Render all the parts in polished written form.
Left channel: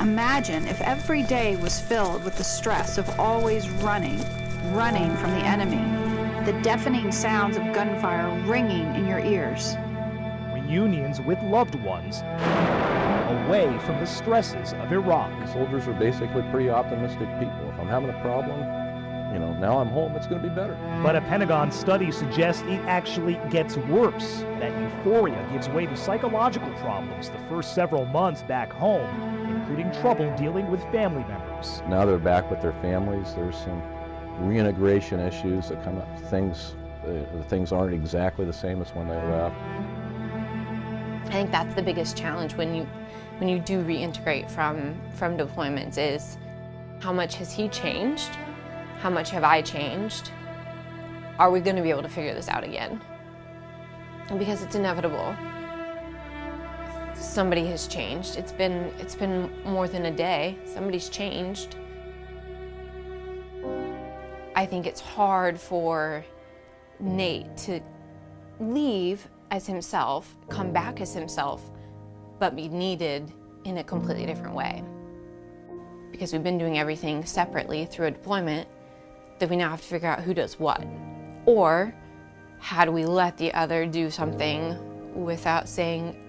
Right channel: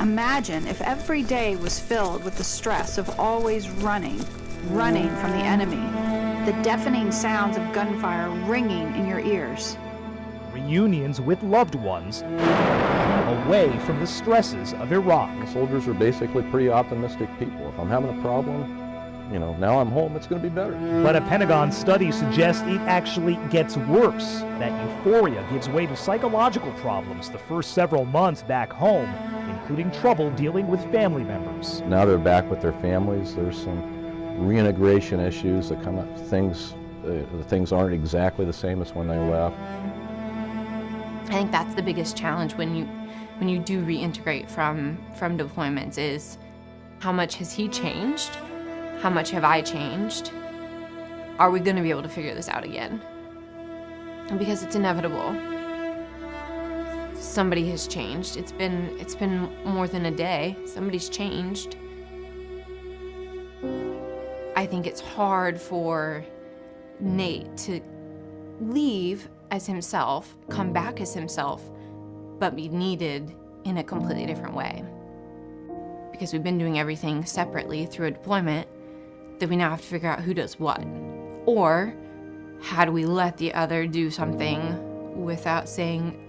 Imagine if every day was filled with the stress of always running from the enemy, the deafening sounds of gunfire ringing in your ears. Reunions with loved ones, away from the stresses of Iraq. Soldiers are basically pretty optimistic people. If I'm having a problem, now I'm home, it's going to be better. But a Pentagon study suggests it actually gets worse. That euphoria gives way to psychological problems the first several months back home, including trouble dealing with family members. Now they're back with their families. There's some reintegration issues that come up. Things aren't exactly the same as when they left. I think that's the biggest challenge when you do reintegrate from deployments is how much has he changed? How much have I changed? Are we going to be able to figure this out again? Because it's inevitable. Somebody has changed. It's been more than a day. Somebody's changed. I think it's hard for Nate to leave as himself, come back as himself, but be needed in a completely different way. Because we've been doing everything separately through a deployment, that we now have to figure out who does what. Or how do we let the other do something without saying,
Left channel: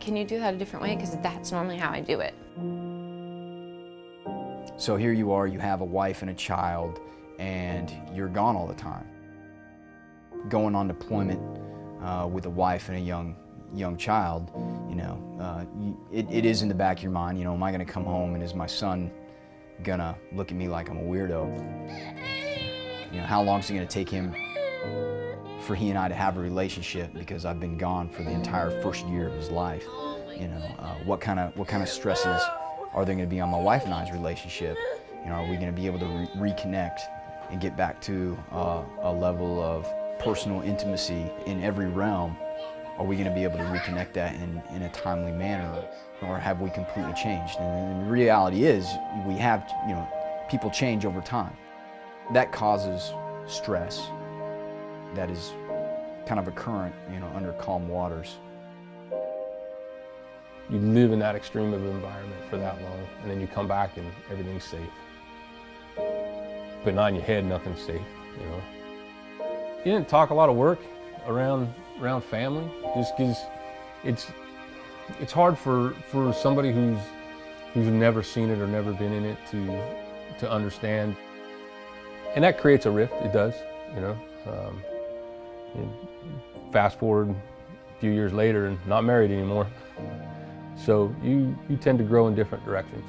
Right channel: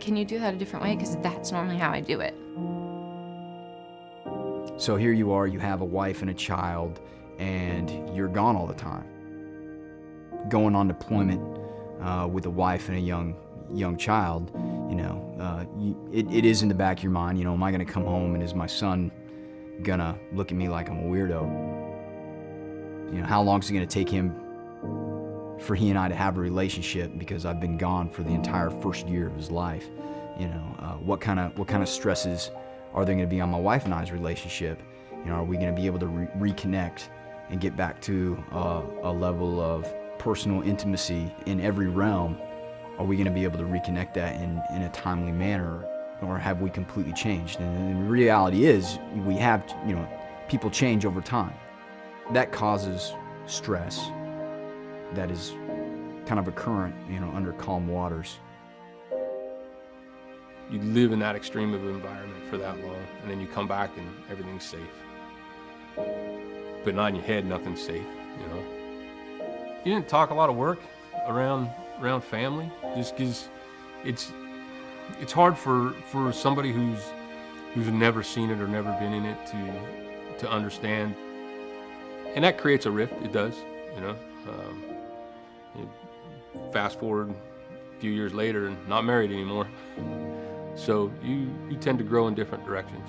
can you do that a different way? Because that's normally how I do it. So here you are, you have a wife and a child, and you're gone all the time. Going on deployment with a wife and a young child, it is in the back of your mind, am I gonna come home and is my son gonna look at me like I'm a weirdo? How long is it gonna take him for he and I to have a relationship because I've been gone for the entire first year of his life? What kind of stresses are there gonna be on my wife and I's relationship? Are we gonna be able to reconnect and get back to a level of personal intimacy in every realm? Are we going to be able to reconnect that in a timely manner, or have we completely changed? And the reality is, we have, people change over time. That causes stress that is kind of a current, under calm waters. You live in that extreme of environment for that long, and then you come back and everything's safe. But not in your head, nothing's safe, You didn't talk a lot of work around family, just because it's hard for somebody who's never seen it or never been in it to understand, and that creates a rift. It does, fast forward a few years later and not married anymore, so you tend to grow in different directions.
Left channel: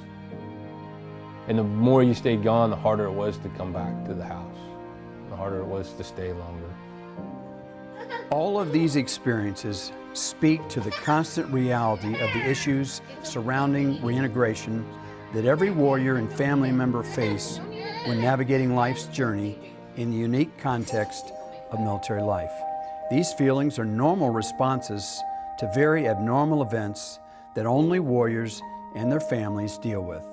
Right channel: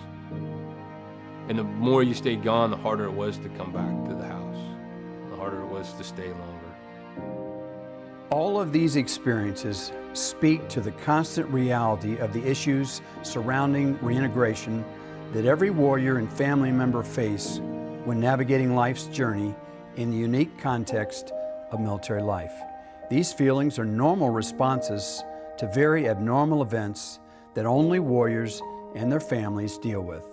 And the more you stayed gone, the harder it was to come back to the house, the harder it was to stay longer. All of these experiences speak to the constant reality of the issues surrounding reintegration that every warrior and family member face when navigating life's journey in the unique context of military life. These feelings are normal responses to very abnormal events that only warriors and their families deal with.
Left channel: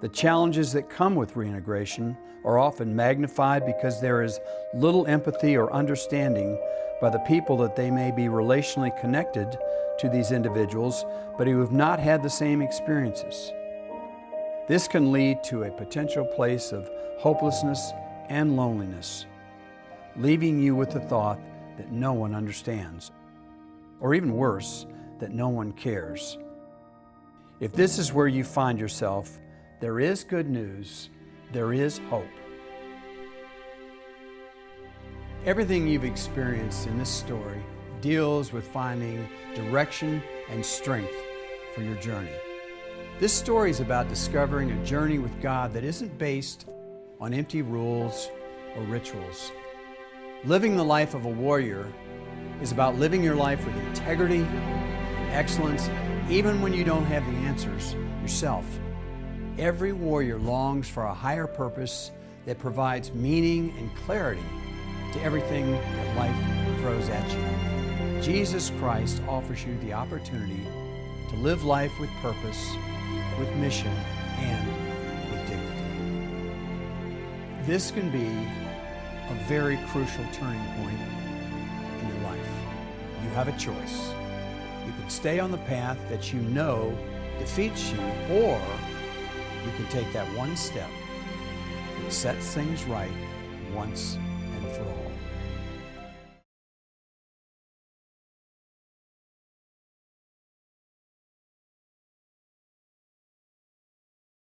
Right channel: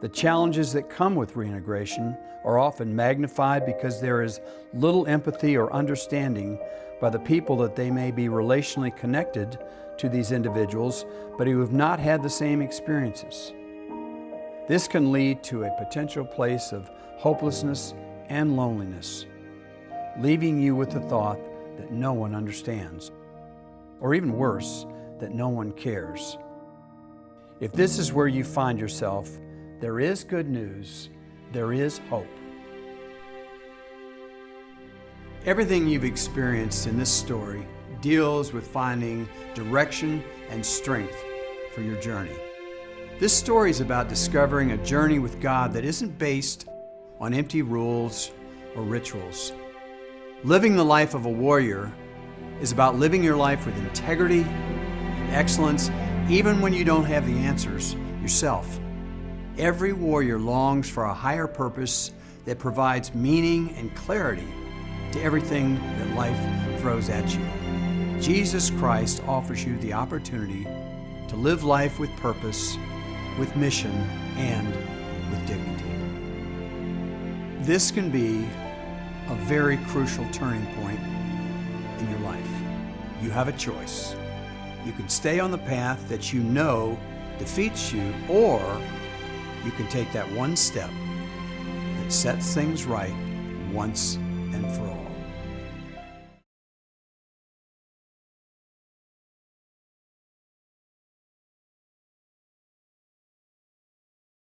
The challenges that come with reintegration are often magnified because there is little empathy or understanding by the people that they may be relationally connected to these individuals, but who have not had the same experiences. This can lead to a potential place of hopelessness and loneliness, leaving you with the thought that no one understands, or even worse, that no one cares. If this is where you find yourself, there is good news, there is hope. Everything you've experienced in this story deals with finding direction and strength for your journey. This story is about discovering a journey with God that isn't based on empty rules or rituals. Living the life of a warrior is about living your life with integrity and excellence, even when you don't have the answers yourself. Every warrior longs for a higher purpose that provides meaning and clarity to everything that life throws at you. Jesus Christ offers you the opportunity to live life with purpose, with mission, and with dignity. This can be a very crucial turning point in your life. You have a choice. You can stay on the path that you know defeats you, or can take that one step that sets things right once